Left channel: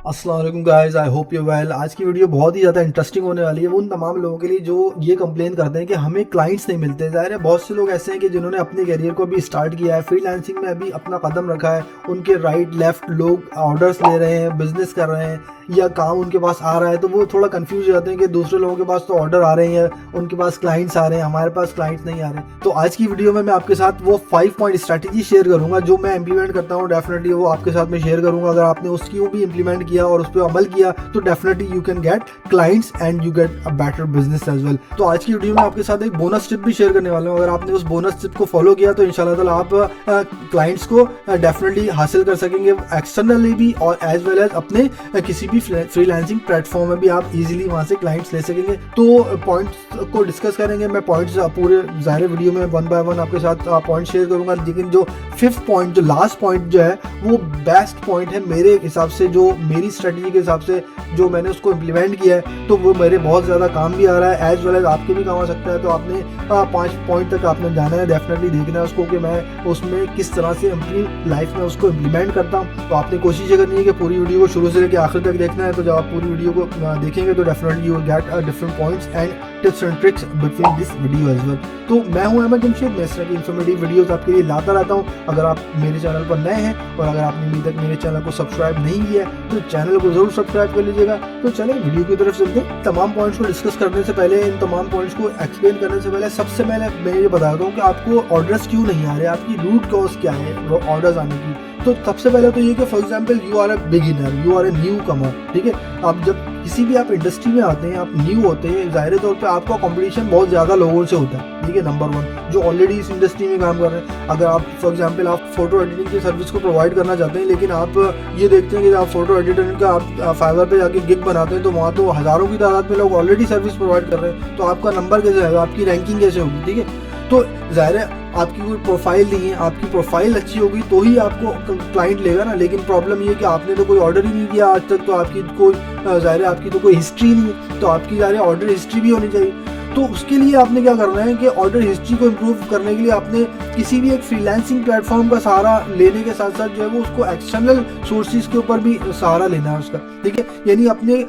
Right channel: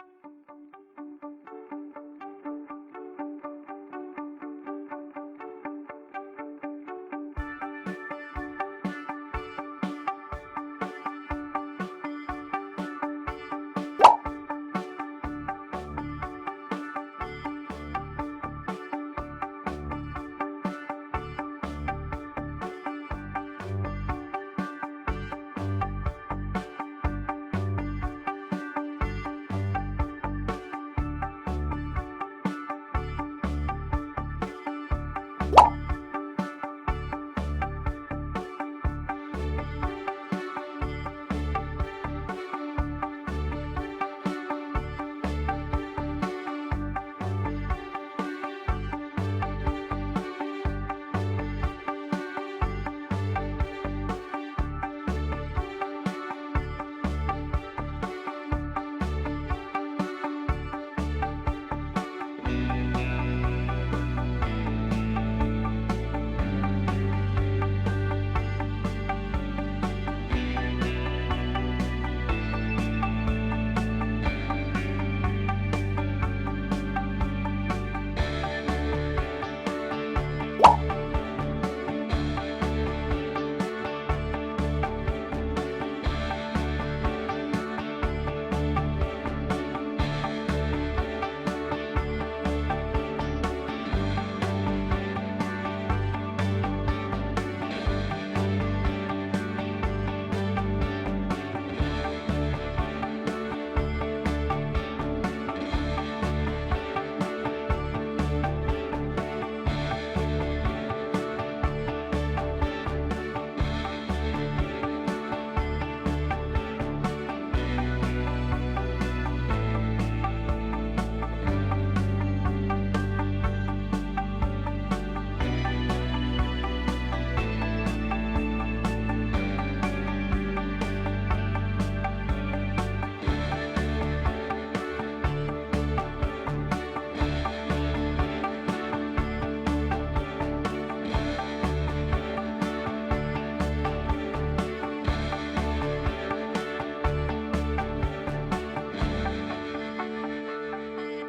अस्सलाम वालेकुम guys, I hope you well. आज की वीडियो बहुत ही ज़्यादा इंटरेस्टिंग होने वाली है उन तमाम लोगों के लिए जो ये कंप्लेन करते हैं कि हमें क्लाइंट्स नहीं मिलते। ज़ाहिर है बहुत से लोग ऐसे हैं कि जिन्होंने अपने करियर को अभी स्टार्ट किया है, फ्रीलांसिंग में अभी अपना कदम रखा है, उनके राइट लेफ्ट लोग ऑर्डर्स ले रहे हैं, बिजनेस कर रहे हैं या काम उनके पास आ रहा है, तो वो थोड़ा कंफ्यूज हो जाते हैं कि दूसरे लोगों के पास तो ऑर्डर आ रहे हैं, उनके पास क्लाइंट्स आ रहे हैं, हमारे पास क्लाइंट्स नहीं आ रहे। तो आज की वीडियो में मैं आपके साथ वो 5 पॉइंट स्ट्रैटेजी शेयर करूंगा जो मैं इंप्लीमेंट करता हूँ। डेफिनेटली वो आपके साथ में शेयर करूंगा। अगर आपने उसकी वो भी इंप्लीमेंट किया और उस पर अमल किया तो definitely you can get clients and you get a better business as well. तो आज की वीडियो में आपके साथ एक बोनस टिप भी शेयर करने वाला हूँ। अगर आपने उस बोनस टिप को फॉलो किया तो इंशाल्लाह ताला आप क्लाइंट्स को डेफिनेटली हासिल कर सकेंगे, एक्सटर्नली भी और एज वेल एज अपने किसी भी फ्रीलांसिंग प्लेटफॉर्म में भी आप इजीली वहां से क्लाइंट्स ले सकेंगे। तो पॉइंट्स को डिस्कस करेंगे। मैं पॉइंट्स पूरे ज़ाहिर वीडियो में वन बाय वन आपके साथ पॉइंट शेयर करूंगा, लेकिन जो फिफ्थ पॉइंट, जो लास्ट पॉइंट जो है वो बेस्ट पॉइंट है मेरे हिसाब से, जो मेरी स्ट्रेटजी के हिसाब से जो मैंने उसको इम्प्लीमेंट किया है तो वो मेरे बहुत ज़्यादा काम भी आ रहा है, एज वेल एज आपके भी काम आ सकता है। तो आपने 5 पॉइंट तक आपने जाना है, डेफिनेटली देखना है उसको कि मैं उसमें किस तरह से अपनी लाइफ में उसको इम्प्लीमेंट करता हूँ। तो आपने कोशिश ये करनी है कि पूरी वीडियो को शुरू से लेकर आखिर तक देखना है। तो जब आप पूरी वीडियो को देखेंगे तो definitely you will get different points and tips and tricks between this video as well. तो मैं हूं अहमद जमशेद, मैं इस तरह की इन्फॉर्मेटिव वीडियोस आपके लिए लाता रहता हूं। अगर आप मेरे चैनल पर नए हैं और अगर आपने अभी तक मेरे चैनल को सब्सक्राइब नहीं किया है तो चैनल को जरूर सब्सक्राइब कर लीजिएगा। तो चले वीडियो की तरफ चलते हैं। तमाम पॉइंट्स को डिस्कस करने से पहले, इन तमाम पॉइंट्स को एक्सप्लेन करने से पहले सबसे पहले मैं ये बताता हूँ कि आपको ऑर्डर्स क्यों नहीं आ रहे, आपकी रूट कॉज क्या है ऑर्डर्स आने की। तो सबसे पहले तो ये कि for example you are a beginner, you are a newcomer, ठीक है। आप जब किसी भी आप इंडस्ट्री में आते हैं, आप न्यू होते हैं, जाहिर तौर पे आपका कंपटीशन बहुत ज़्यादा लोगों से होता है, ठीक है। नंबर वन, जो ऑलरेडी इस इंडस्ट्री में काम कर रहे हैं। अगर आप फॉर एग्जांपल आप फोटो एडिटिंग की सर्विस को प्रोवाइड करना चाहते हैं, लेकिन आप ये देखते हैं कि आप फोटो एडिटर का आप फाइवर पे जाके गिग बनाते हैं तो वहाँ तो हज़ारों की तादाद में लोग ऑलरेडी सर्विस प्रोवाइड कर रहे हैं, तो आपका नंबर कैसे आएगा, आपकी रैंकिंग कैसे होगी, ठीक है। तो जाहिर है आपकी कोई प्रोफाइल नहीं है, आपकी प्रोफाइल अच्छी होगी तो ही आपको क्लाइंट लेगा ना। लेकिन प्रॉब्लम ये कि आपने तो कोई ऑर्डर ही नहीं किया आज तक, तो आपकी कोई जाहिर है आपकी तो कोई हिस्ट्री नहीं है, तो आपकी जाहिर है ऑर्डर हिस्ट्री भी होनी चाहिए। तो उसके लिए आपने क्या करना है कि ऑर्डर हिस्ट्री को इम्प्रूव करने के लिए आपने किसी भी एक फ्रीलांसिंग प्लेटफॉर्म का सहारा लेने के साथ साथ जो है वो उसको एक्सटर्नल सोर्सेज के ऊपर भी सहारा लेना है उसका, ठीक है। यानी अपने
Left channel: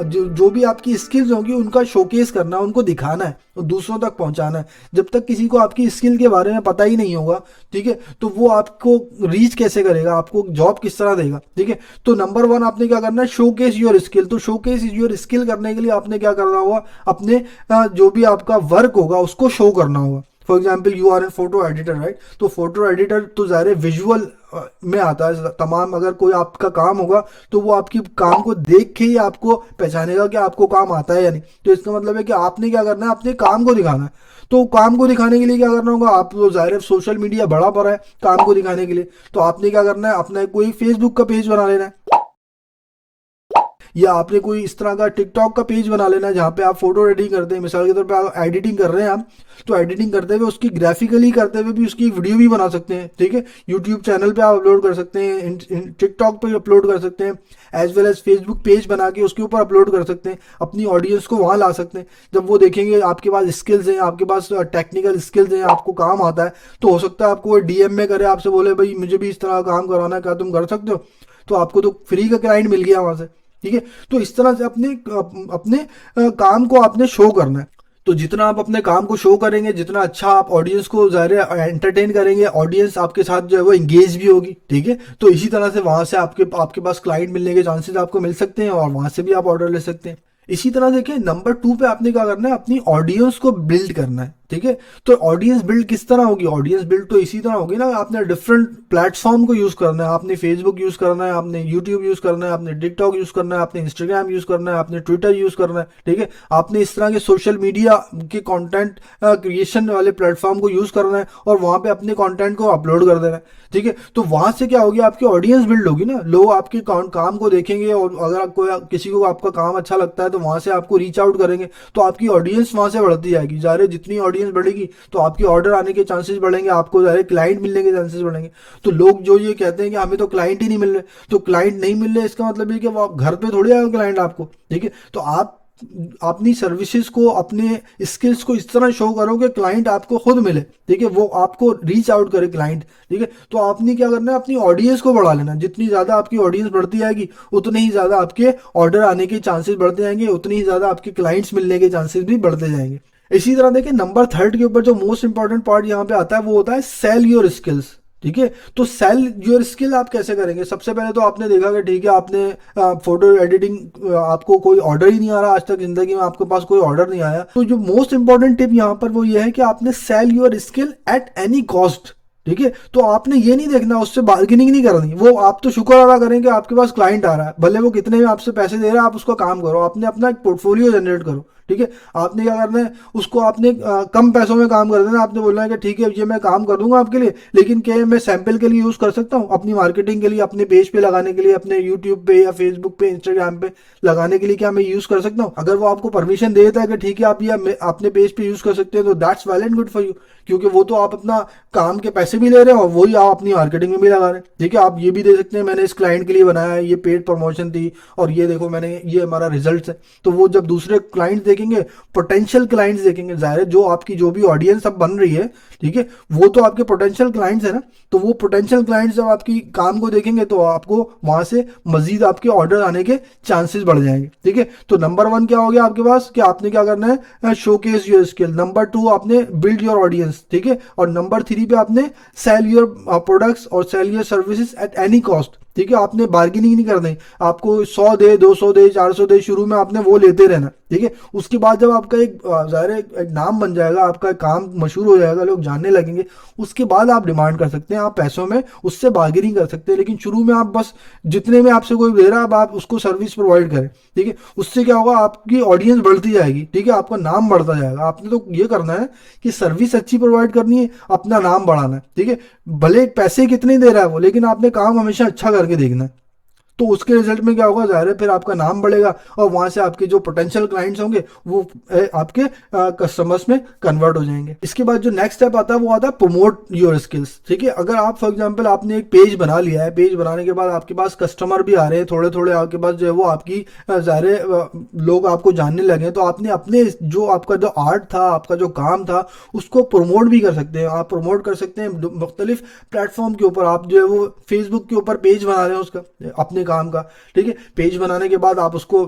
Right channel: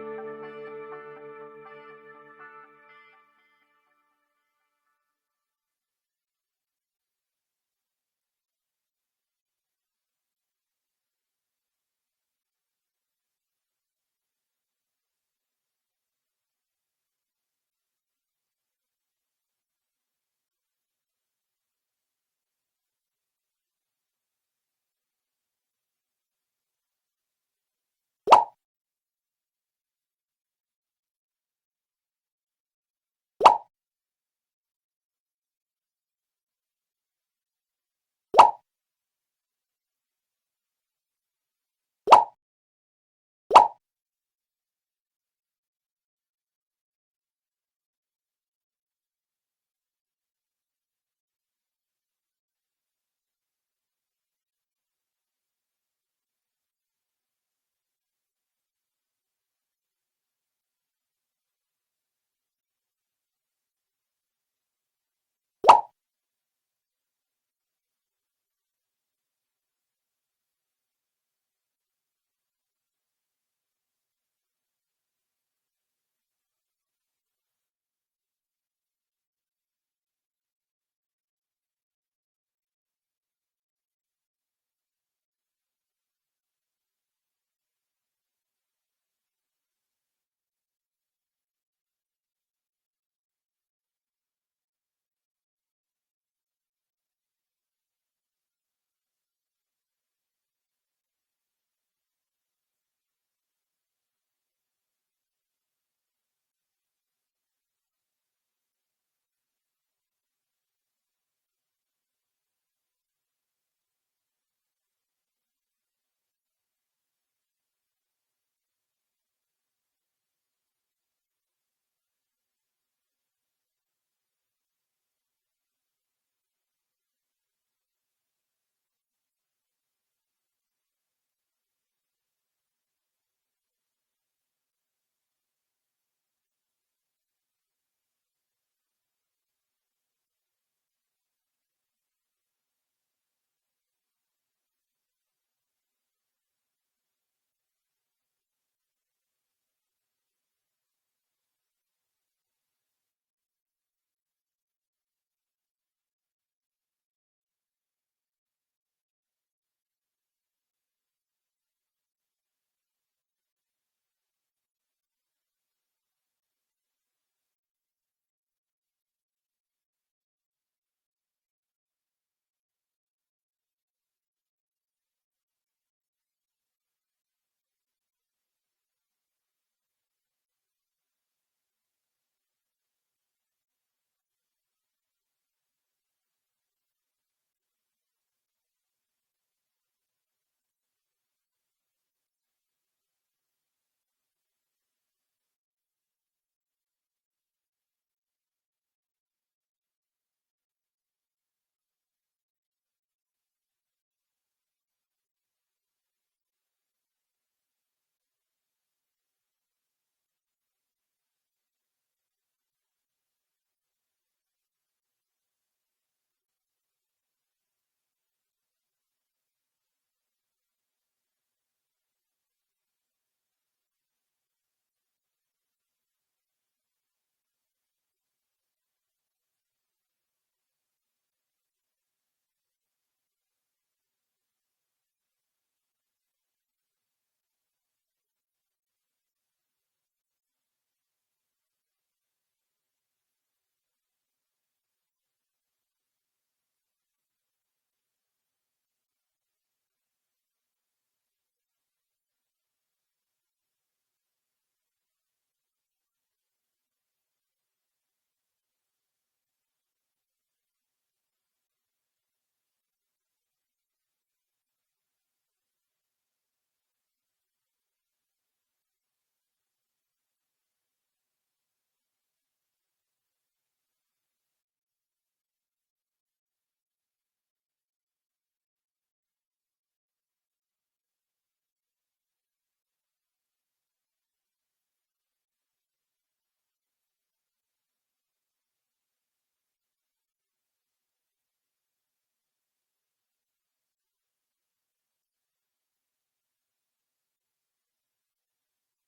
जो भी आपकी स्किल्स होंगी उनका शोकेस करना है, उनको दिखाना है और दूसरों तक पहुंचाना है। जब तक किसी को आपकी स्किल के बारे में पता ही नहीं होगा, ठीक है, तो वो आपको रीच कैसे करेगा, आपको जॉब किस तरह देगा, ठीक है। तो नंबर वन आपने क्या करना है, शोकेस योर स्किल। तो शोकेस योर स्किल करने के लिए आपने क्या करना होगा, अपने जो भी आपका वर्क होगा उसको शो करना होगा। For example you are a photo editor, right. तो फोटो एडिटर तो ज़ाहिर विजुअल में आता है तमाम। अगर कोई आपका काम होगा तो वो आपकी काम को देख के ही आपको पहचानेगा कि आपको काम आता है या नहीं। तो इसका मतलब है कि आपने क्या करना है, अपने काम को दिखाना है। तो काम को दिखाने के लिए क्या करना होगा, आप तो ज़ाहिर सोशल मीडिया बड़ा पड़ा है काम को दिखाने के लिए, तो आपने क्या करना है, अपना कोई फेसबुक का पेज बना लेना है, या आपने कोई इस तरह का टिकटॉक का पेज बना लेना है जहाँ पे आप फोटो एडिटिंग करते हैं। मिसाल के तौर पे आप एडिटिंग कर रहे हैं आप, तो एडिटिंग करते हुए उसकी ग्राफिकली करते हुए भी उसकी वीडियो भी बना सकते हैं, ठीक है। यूट्यूब चैनल पे आप अपलोड कर सकते हैं, टिकटॉक पे अपलोड कर सकते हैं, as well as Facebook page बना के उसके ऊपर अपलोड कर सकते हैं, अपनी ऑडियंस को वहाँ ला सकते हैं। जब वो देखेंगे आपके पास स्किल्स हैं, आपके पास टेक्निकल स्किल्स हैं, आपको काम आता है, तो हो सकता है आपको वो डीएम में करे, आपसे बोले भाई मुझे भी इस तरह का काम करवाना है, क्या तुम कर सकते हो। तो आपको तो फ्री का क्लाइंट मिल गया वहाँ से, ठीक है। तो इस तरह से अपने अपने काम को आपने शो करना है। तो जितना आप अपने काम को शो करेंगे, जितना अच्छा आप ऑडियंस को ज़ाहिर एंटरटेन करेंगे, ऑडियंस आपके साथ जो है वो इंगेज भी होगी, ठीक है। तो इसी तरह से वहां से आपके आपके पास क्लाइंट मिलने के चांसेस आपको मिल सकते हैं और वहां से भी आप ऑर्डर ले सकते हैं। इसी तरह देखिए नंबर 2 पे आपने क्या करना है, अपनी ऑडियंस को बिल्ड करना है, ठीक है। तो ऑडियंस बिल्ड किस तरह होगी, ऑडियंस बिल्ड तो इसी तरह होगी ना, आपने डिफरेंट प्लेटफॉर्म को यूज करना है, आपने फेसबुक यूज करना है, आपने यूट्यूब यूज करना है, आपने टिकटॉक यूज करना है, आपने इंस्टाग्राम यूज करना है, आपने ट्विटर यूज करना है, ठीक है। आपने इस तरह के सोशल मीडिया के कंटेंट क्रिएशन वाले प्लेटफॉर्म को यूज करना है और वहां पे अपने कंटेंट को अपलोड कर देना है, ठीक है। तो वहां से क्या होगी, आपकी ऑडियंस बिल्ड होगी ना, लोग आपके काम को देखेंगे और अगर कोई किसी को आपका काम अच्छा लगता है तो वहां से आपको रीच आउट करेंगे, तो आपकी ऑडियंस वहां से बढ़ती जाएगी। ज़ाहिर है जितनी ऑडियंस बढ़ेगी तो आपके ऑर्डर आने के चांसेस बढ़ेंगे, आपको ज़ाहिर क्लाइंट मिलने के चांसेस बढ़ेंगे। तो लोग जो ये कहते हैं कि हमें तो क्लाइंट ही नहीं मिल रहे, तो क्लाइंट नहीं मिल रहे इसका मतलब ये कि वो आप घर पे थोड़ी आएगा क्लाइंट आपको, ठीक है। तो आप अपनी सर्विसेज को, अपने स्किल्स को इस तरह शो करो कि क्लाइंट आपको खुद मिले, ठीक है, वो आपको रीच आउट करे क्लाइंट, ठीक है। तो आपने क्या करना है, अपनी ऑडियंस को बढ़ा लेना। जितनी ज़्यादा आपकी ऑडियंस बढ़ती जाएगी उतने ही ज़्यादा आपके ऑर्डर आने के चांसेस बढ़ते जाएंगे, उतनी ही ज़्यादा आपके क्लाइंट्स मिलने के चांसेस भी बढ़ते जाएंगे। इसी तरह देखिए नंबर थर्ड के ऊपर जो मोस्ट इंपॉर्टेंट पार्ट यहाँ पे आता है वो होता है सेल योर स्किल्स, ठीक है। तो सेल योर स्किल आप कैसे करेंगे? सबसे पहले तो आपने देखा कि ठीक है, आपने फोटो एडिटिंग, आपको कोई ऑर्डर ही नहीं आ रहा, आज तक जिंदगी में आपके पास कोई ऑर्डर नहीं आया। तो जो मोस्ट इंपॉर्टेंट टिप यहाँ पर वो ये है कि आपने sell your skill at any cost, ठीक है। तो आपने ये नहीं देखना, उससे बार्गेनिंग नहीं करनी, वो आप तो शुक्र अदा करें कि आपके पास क्लाइंट आ रहा है, भले वो कितने में आपसे पैसे दे रहा है, आप उसका काम करो, आपने अपना एक पोर्टफोलियो जनरेट करो, ठीक है। आपने क्या करना है, उसको आपने कम पैसों में काम कर देना। आपने बोलना है कि ठीक है ये मैं काम कर दूंगा आपके लिए, लेकिन क्या मैं सैंपल के लिए यूज़ कर सकता हूँ, अपनी मार्केटिंग के लिए, अपने पेज पे लगाने के लिए, अपने यूट्यूब पे या फेसबुक पे, इंस्टाग्राम पे लगाने के लिए क्या मैं यूज़ कर सकता हूँ? अगर वो आपको परमिशन दे देता है कि ठीक है आप ये अपने पेज पे यूज़ कर सकते हैं, तो that's well and good for you, क्योंकि वो तो आप अपना काम के पैसे भी ले रहे हैं और वही आप अपनी मार्केटिंग में भी लगा रहे हैं, ठीक है। आप ये भी दे सकते हैं मैंने इस क्लाइंट के लिए बनाया है, ये पेड प्रमोशन थी और ये देखो मैंने, ये हमारा रिजल्ट है। तो वो जब दूसरे क्लाइंट देखेंगे, पोटेंशियल क्लाइंट्स देखेंगे, जाहिर है जो आपकी जो भी ऑडियंस अब बन रही है, ठीक है, वो तो आपके पोटेंशियल क्लाइंट्स है ना। तो वो पोटेंशियल क्लाइंट्स जब आपकी काम को देखेंगे तो आपको वहां से मजीद आपके ऑर्डर आने के चांसेस बढ़ जाएंगे, ठीक है। तो नंबर वन क्या हो गया आपके पास कि आपने क्या करना है, showcase your skill. Number two आपने बिल्ड योर ऑडियंस, ठीक है। और नंबर थ्री पे आपने सेल योर प्रोडक्ट्स और sell your services at any cost, ठीक है। आपने बार्गेनिंग नहीं करनी, आपको 100 दे, 200 दे, 400 दे, शुरू में आपने वो लेते रहना, ठीक है। उसके बाद जब आपका एक ज़ाहिर है एक नाम बन जाएगा, आपका काम मशहूर हो जाएगा, लोग जानने लगेंगे, उसके बाद आप डिमांड कर सकते हैं, आप पैसों में उससे बार्गेनिंग कर सकते हैं। लेकिन शुरू में आप बस जितने में आपसे कोई दे रहा है अब आप उसको सर्विस प्रोवाइड करें, ठीक है। उससे क्या होगा, आपकी ऑडियंस बढ़ती जाएगी, ठीक है, आपका नाम बढ़ता जाएगा। आपने तो ये करना है कि सर्विस अच्छी प्रोवाइड करनी है, अपना नाम बढ़ाना है, ठीक है। भले पैसे कितने दे रहा है वो, लेकिन आपने काम हमेशा अच्छा करके देखना है। तो उसके रिजल्ट में क्या होगा, जाहिर है फिर आपका नाम बढ़ेगा और वहां से आपके जो पोटेंशियल क्लाइंट्स होंगे वो आपके कस्टमर्स में कन्वर्ट हो जाएंगे। इसके बाद जो नेक्स्ट स्टेप आता है वो आता है प्रमोट योर स्किल्स, ठीक है। अगर आप फॉर एग्जांपल आपने एक पेज बना लिया है, पेज बनाने के बाद आपके पास कस्टमर भी आ रहे हैं, थोड़े थोड़े आपके पास जो है वो आपकी जाहिर है लोग आपको जानने लगे, तो आपने अपने जो आपका जो आर्ट था, आपका जो काम था, उसको प्रमोट भी कर सकते हैं। आप प्रमोट कर सकते हैं मुख्तलिफ प्लेटफॉर्म के ऊपर। आप जो है वो फेसबुक के ऊपर पेज बना रहे हैं उसका, अपने काम का, ठीक है। पेज बनाने के बाद आप उसको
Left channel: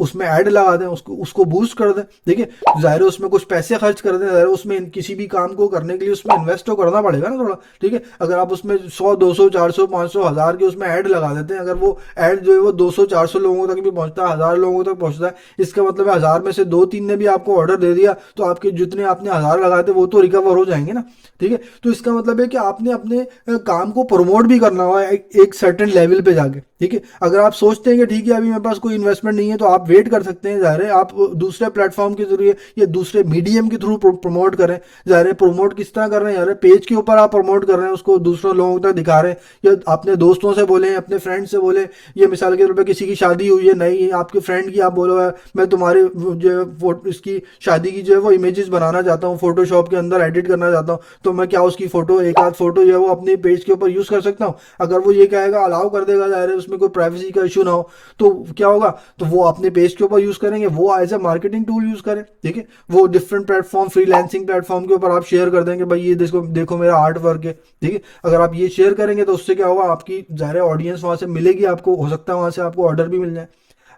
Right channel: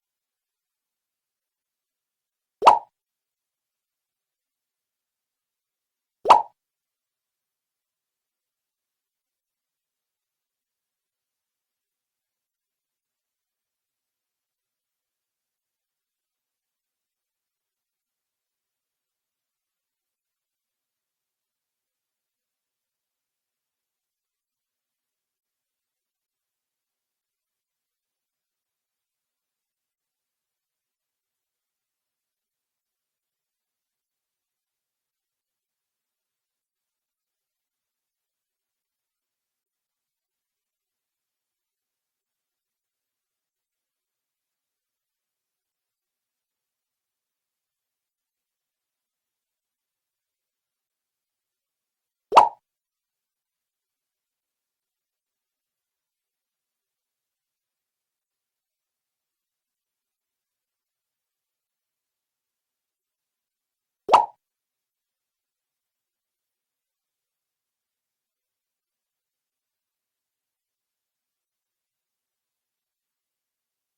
उसमें ऐड लगा दें, उसको उसको बूस्ट कर दें, ठीक है। जाहिर है उसमें कुछ पैसे खर्च कर दें, जाहिर है उसमें किसी भी काम को करने के लिए उसमें इन्वेस्ट तो करना पड़ेगा ना थोड़ा, ठीक है। अगर आप उसमें 100, 200, 400, 500, 1000 के उसमें ऐड लगा देते हैं, अगर वो ऐड जो है वो 200, 400 लोगों तक भी पहुंचता है, 1000 लोगों तक पहुंचता है, इसका मतलब है 1000 में से 2-3 ने भी आपको ऑर्डर दे दिया, तो आपके जितने आपने 1000 लगाए थे वो तो रिकवर हो जाएंगे ना, ठीक है। तो इसका मतलब है कि आपने अपने काम को प्रमोट भी करना हुआ एक सर्टेन लेवल पे जाके, ठीक है। अगर आप सोचते हैं कि ठीक है अभी मेरे पास कोई इन्वेस्टमेंट नहीं है, तो आप वेट कर सकते हैं, जाहिर है आप दूसरे प्लेटफॉर्म के जरिए या दूसरे मीडियम के थ्रू प्रमोट करें। जाहिर है प्रमोट किस तरह कर रहे हैं, यार पेज के ऊपर आप प्रमोट कर रहे हैं, उसको दूसरों लोगों तक दिखा रहे हैं, या अपने दोस्तों से बोले, अपने फ्रेंड से बोले। ये मिसाल के तौर पर किसी की शादी हुई है, नहीं आपके फ्रेंड की, आप बोलो मैं तुम्हारे जो है इसकी शादी की जो है वो इमेजेस बनाना चाहता हूँ, फोटोशॉप के अंदर एडिट करना चाहता हूँ, तो मैं क्या उसकी फोटो, एक आध फोटो जो है वो अपने पेज के ऊपर यूज कर सकता हूँ। अगर वो ये कहेगा अलाउ कर देगा, जाहिर है उसमें कोई प्राइवेसी का इशू ना हो, तो क्या होगा, तो वो अपने पेज के ऊपर यूज करेंगे, वो as a marketing tool use करें, ठीक है। वो डिफरेंट प्लेटफॉर्म, फ्रीलांसिंग प्लेटफॉर्म के ऊपर आप शेयर कर देंगे, भाई ये देखो देखो मेरा आर्ट वर्क है, ठीक है। अगर आप ये शेयर करेंगे तो उससे क्या होगा, आपकी जाहिर ऑडियंस वहां से मिलेगी, आपको हो सकता है वहां से आपको ऑर्डर भी मिल जाए।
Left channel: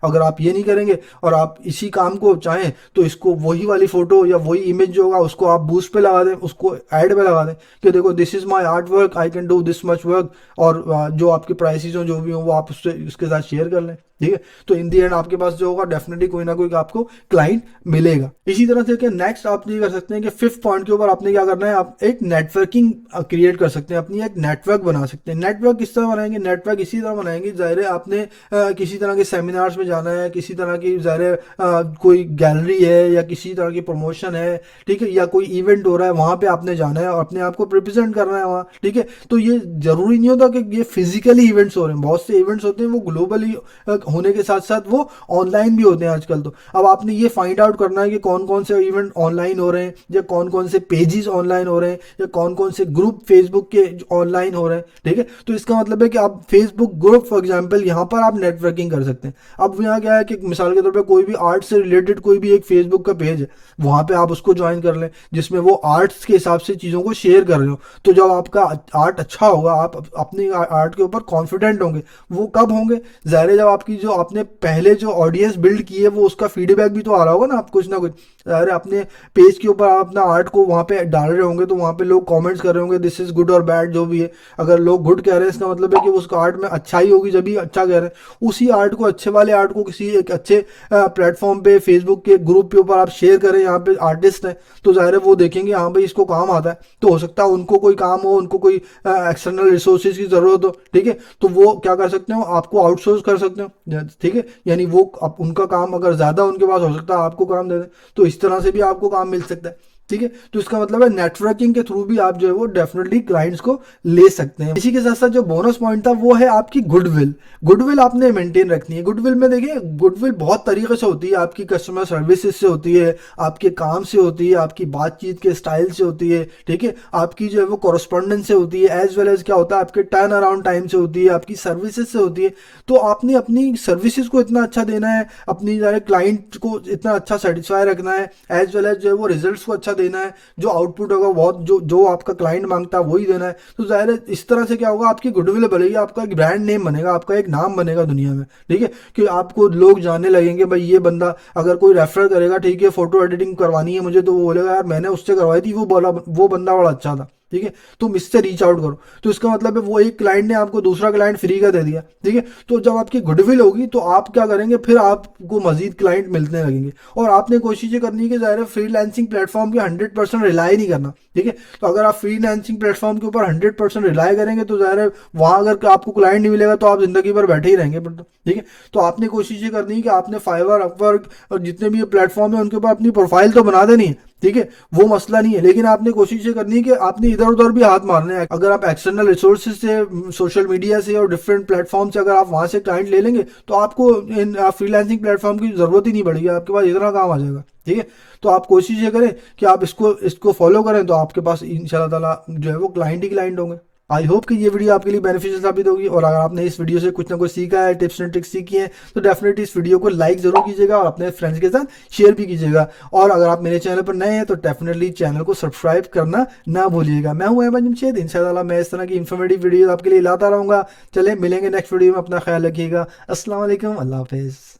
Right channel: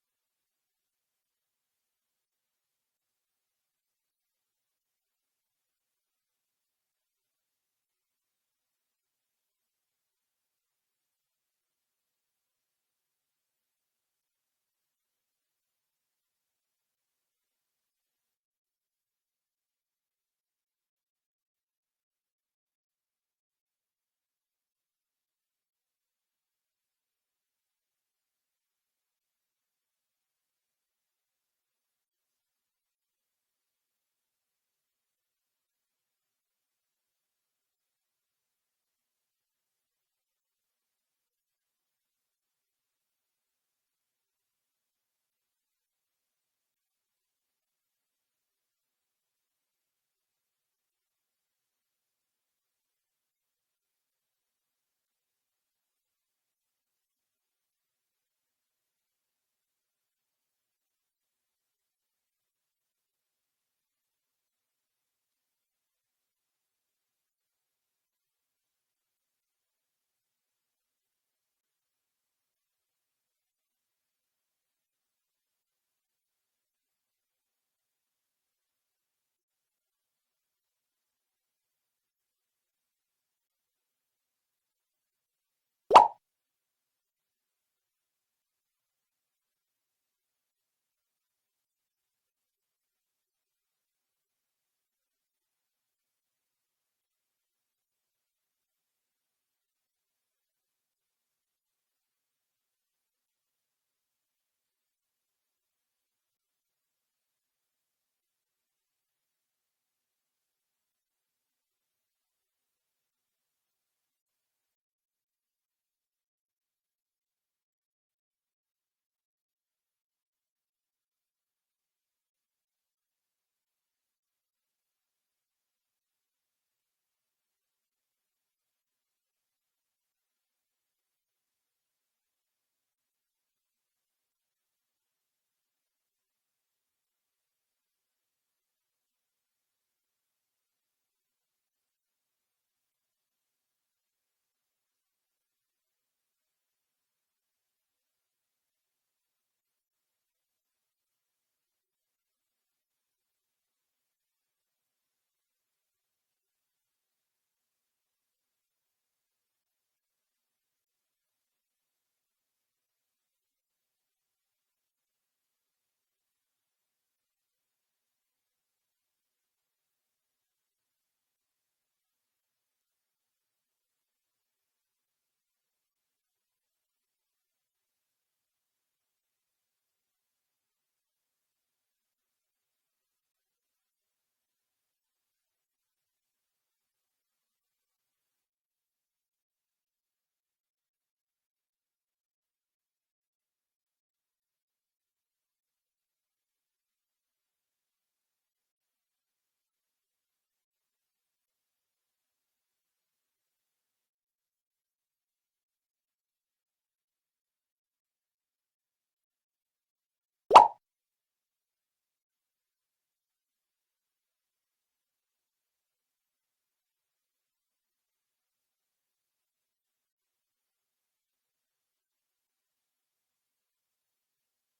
अगर आप ये नहीं करेंगे और आप इसी काम को चाहें तो इसको वही वाली फोटो या वही इमेज जो होगा उसको आप बूस्ट पे लगा दें, उसको ऐड पे लगा दें कि देखो this is my art work, I can do this much work, और जो आपके प्राइसेस हो जो भी हो वो आप उससे उसके साथ शेयर कर लें, ठीक है। तो इन दी एंड आपके पास जो होगा डेफिनेटली कोई ना कोई आपको क्लाइंट मिलेगा। इसी तरह से कि नेक्स्ट आप ये कर सकते हैं कि फिफ्थ पॉइंट के ऊपर आपने क्या करना है, आप एक नेटवर्किंग क्रिएट कर सकते हैं, अपनी एक नेटवर्क बना सकते हैं। नेटवर्क किस तरह बनाएंगे, नेटवर्क इसी तरह बनाएंगे, जाहिर है आपने किसी तरह के सेमिनार्स में जाना है, किसी तरह की जाहिर है कोई गैलरी है या किसी तरह की प्रमोशन है, ठीक है, या कोई इवेंट हो रहा है वहां पे आपने जाना है और अपने आप को रिप्रेजेंट करना है वहाँ, ठीक है। तो ये जरूरी नहीं होता कि ये फिजिकली इवेंट्स हो रहे हैं, बहुत से इवेंट्स होते हैं वो ग्लोबली होने के साथ साथ वो ऑनलाइन भी होते हैं आजकल। तो अब आपने ये फाइंड आउट करना है कि कौन कौन से इवेंट ऑनलाइन हो रहे हैं, या कौन कौन से पेजेस ऑनलाइन हो रहे हैं, या कौन कौन से ग्रुप फेसबुक के ऑनलाइन हो रहे हैं, ठीक है। तो इसका मतलब है कि आप फेसबुक ग्रुप फॉर एग्जांपल यहाँ पर आप नेटवर्किंग कर सकते हैं। अब अब यहाँ क्या है कि मिसाल के तौर पे कोई भी आर्ट से रिलेटेड कोई भी एक फेसबुक का पेज है, वहाँ पे आप उसको ज्वाइन कर लें, जिसमें वो आर्ट्स के हिसाब से चीज़ों को शेयर कर रहे हो। तो जब आपका आर्ट अच्छा होगा, आप अपनी आर्ट के ऊपर कॉन्फिडेंट होंगे। वो कब होंगे? ज़ाहिर है जब आपकी जो आपने पहले जो ऑडियंस बिल्ड की है वो उसका फीडबैक भी तो आ रहा होगा ना, आप कुछ ना कुछ। अरे अपने पेज के ऊपर आप अपना आर्ट को वहाँ पे डाल रहे होंगे, तो वहाँ पे लोग कमेंट्स कर रहे होंगे, दिस इज गुड और बैड जो भी है। अगर लोग गुड कह रहे हैं, इसका मतलब है कि उस आर्ट में अच्छाई होगी, जब भी अच्छा कह रहे हैं। उसी आर्ट को, अच्छे वाले आर्ट को किसी एक अच्छे प्लेटफॉर्म पे, फेसबुक के ग्रुप के ऊपर आप शेयर करें, यहाँ पे आर्टिस्ट हैं, तो ज़ाहिर है वो देखेंगे हाँ भाई इसको काम आता है, तो हो सकता है उनको कोई काम हो, उनको कोई एक्सटर्नल रिसोर्सेज की ज़रूरत हो, ठीक है, तो वो क्या कर सकते हो, आपको आउटसोर्स कर सकते हो, ठीक है। यानी वो उनका काम अगर ज़्यादा उनके पास हो सकता है आपको काम दे दें, तो इस तरह से भी आपको काम मिल सकता है, ठीक है। तो इसका मतलब है नेटवर्किंग के थ्रू भी आप जो है वो डेफिनेटली क्लाइंट्स को ले सकते हैं। इसी के साथ साथ जो बोनस पॉइंट था वो है आपकी गुडविल। गुडविल आपने मेंटेन रखनी है। गुडविल में देखिए, गुडविल बहुत तरीके से होती है, आपकी कस्टमर सर्विसेज से होती है, आपके काम से होती है, आपकी बातचीत के स्टाइल से होती है, ठीक है, आपकी जो है वो कॉरस्पॉन्डेंस से होती है, एज वेल एज क्या होता है आपके टर्न अराउंड टाइम से होती है, आपकी सर्विसेज से होती है। तो आपने अपनी सर्विसेज को इतना अच्छा देना है, अपनी क्लाइंट को इतना अच्छा सेटिस्फाई रखना है, एज वेल एज जो है वो रिजल्ट्स को अच्छा देना है, जो आउटपुट होगा बहुत जो जो आपका क्लाइंट मांगता है वही देना है। तो जाहिर है इस तरह से क्या होगा, आपकी गुडविल बढ़ेगी, आपका एक ब्रांड नेम बनेगा, आपका एक नाम बनेगा दुनिया में, ठीक है, कि आपको लोग जानने लगेंगे भाई ये बंदा, अगर कोई रेफर करेगा, ठीक है, फोटो एडिटिंग करवानी है मुझे, तो वो बोलेगा यार मैंने उससे करवाई थी, वो बोला वो बंदा बड़ा अच्छा था, ठीक है, तुम इससे रीच आउट करो। तो इसका मतलब है वो एक क्लाइंट ने आपको दूसरा क्लाइंट फ्री का दे दिया, ठीक है। तो जब आपकी गुडविल होगी तो आप क्या करेंगे, फिर आपको मजीद क्लाइंट मिलने लगेंगे। और आपने कोशिश ये करनी है कि ज़ाहिर है फ्रीलांसिंग प्लेटफॉर्म पे 100% रिलाई नहीं करना, ठीक है। तो अगर आप फ्रीलांसिंग प्लेटफॉर्म के ऊपर 100% रिलाई करेंगे तो ज़ाहिर है वहाँ अगर आपको क्लाइंट नहीं मिलेगा तो आप जिंदगी भर बैठे ही रहेंगे फिर तो, ठीक है। तो आपने कोशिश ये करनी है कि आपने फाइवर, अपवर्क और जितने भी ये प्लेटफॉर्म है उनके ऊपर अपनी प्रोफाइल तो बना देनी है, ठीक है, वो मसला नहीं है, लेकिन आपने कोशिश ये करनी है कि आपने इधर उधर भी हाथ मारने हैं। अगर आप एक्सटर्नल रिसोर्सेज से, सोशल मीडिया से और डिफरेंट प्लेटफॉर्म से अगर आप वहाँ से क्लाइंट ले लेंगे तो आपको इन फ्रीलांसिंग प्लेटफॉर्म की ज़रूरत ही नहीं पड़ेगी, आपके पास इतना काम आ जाएगा, ठीक है। तो आप कोशिश ये करें कि आप इसको इसको फॉलो करें, तो आपके पास इंशाल्लाह ताला जो है वो क्लाइंट ही क्लाइंट होंगे। आई होप कि ये वीडियो आपके लिए बेनिफिशियल साबित होगी, और अगर आपने इस वीडियो से कुछ ना कुछ सीखा है, टिप्स एंड ट्रिक्स सीखी हैं, तो डेफिनेटली इस वीडियो को लाइक जरूर कीजिएगा और अपने फ्रेंड्स के साथ शेयर भी कीजिएगा। और अगर आप मेरे चैनल पर नए हैं तो डेफिनेटली चैनल को सब्सक्राइब करना ना भूलिएगा। मैं हूं अहमद जमशेद, इंशाल्लाह मैं इस तरह की इन्फॉर्मेटिव वीडियो आपके लिए लाता रहूँगा। चले मिलेंगे नेक्स्ट वीडियो में, अपना ख्याल रखिएगा। अस्सलाम वालेकुम, अल्लाह हाफिज़।